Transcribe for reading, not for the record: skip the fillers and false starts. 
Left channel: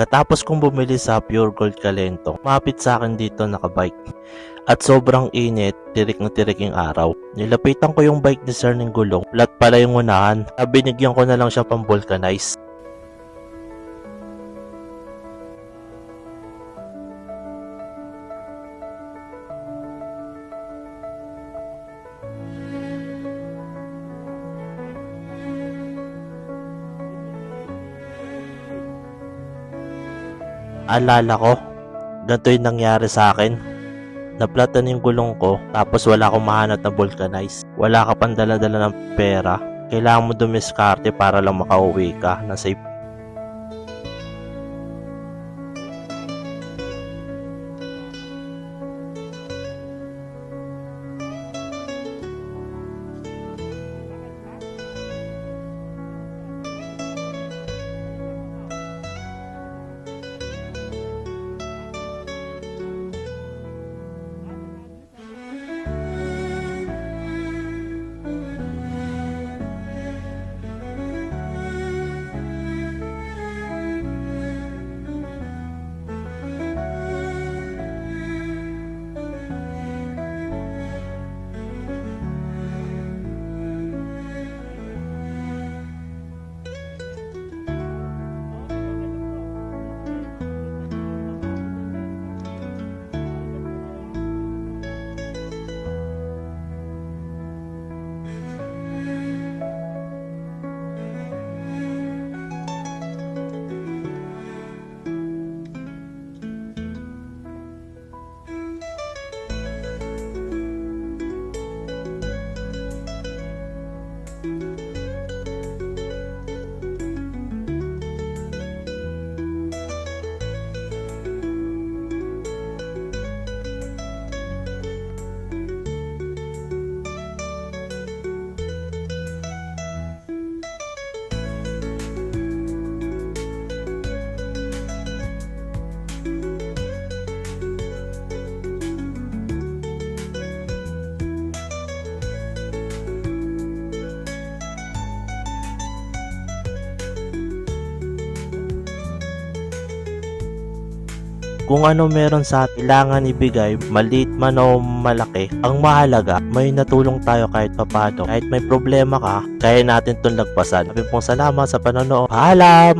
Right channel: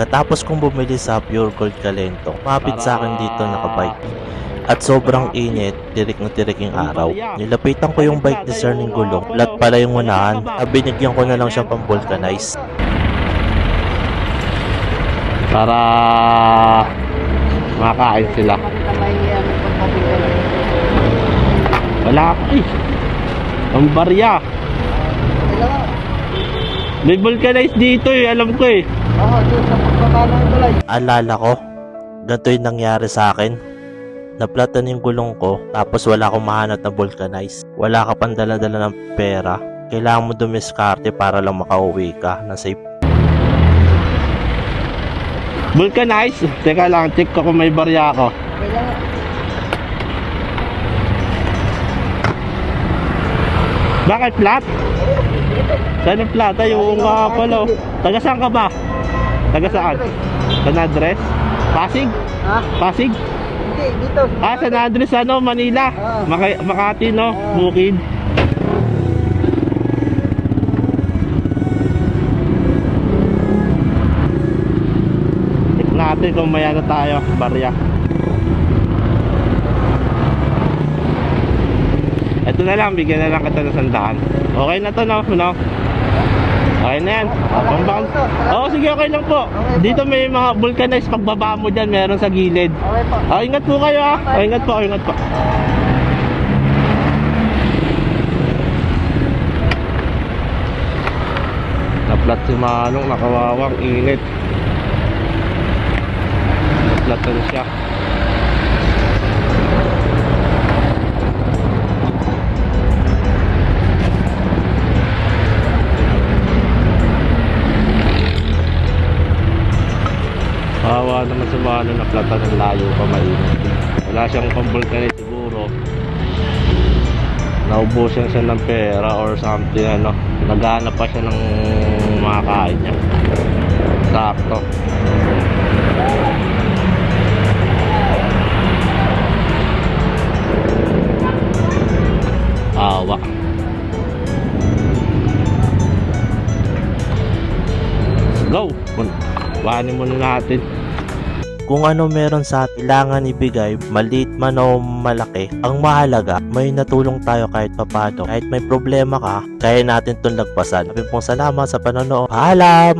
Pagkatapos kong bumili sa Pure Gold Calentong, mapit sa akin dito nakabike. At sobrang init, tirik na tirik yung araw. Nilapitan ko yung bike ni Sir ng gulong, flat pala yung unahan. Binigyan ko na lang siya pang vulcanize. Para makakain sila. Wala ka eh. Ang barya. May vulcanize dito eh, alam ko eh. Alala ko, ganito yung nangyari sa akin. Naplatan yung gulong ko, tapos wala akong mahanap na vulcanize. Wala ka pang dala-dala ng pera. Kailangan mo dumiskarte para lang makauwi ka na safe. Vulcanize? Teka lang, check ko kung may barya ako. Bakit flat? Saan ang flat? Ay, yung nga pala. Taga saan ka ba? Taga saan? San Andres? Pasig? Ha? Pasig? Hindi, dito. San Andres ano, Manila? Makati no? Bukid. Check natin kung may ano tayo, barya. Ito na lang, bigyan na lang kita ng 100. Okay na to no? Okay na yan. Oo, sige, okay lang po. Dito may mga vulcanize, pagbaba mo dyan, meron sa gilid. Okay po. Ingat po kayo ha. Ingat po, ingat po. Naplat si Manong, nakawawang init. Naplatan siya. Kawawa naman sa mga naplatan ng layo pa, mainit. Wala siyang pang-vulcanize siguro. Naubusan siya ng pera or something, ano. Naghahanap pa siya ng makakain niya. Sakto. Awa. Go! Bahanin muna natin. Kung ano meron sa atin, kailangan ibigay, maliit man o malaki. Ang mahalaga, may natulong tayo kahit papano. Kahit may problema ka, kaya natin itong lagpasan. Maraming pong salamat sa panonood. Paalam!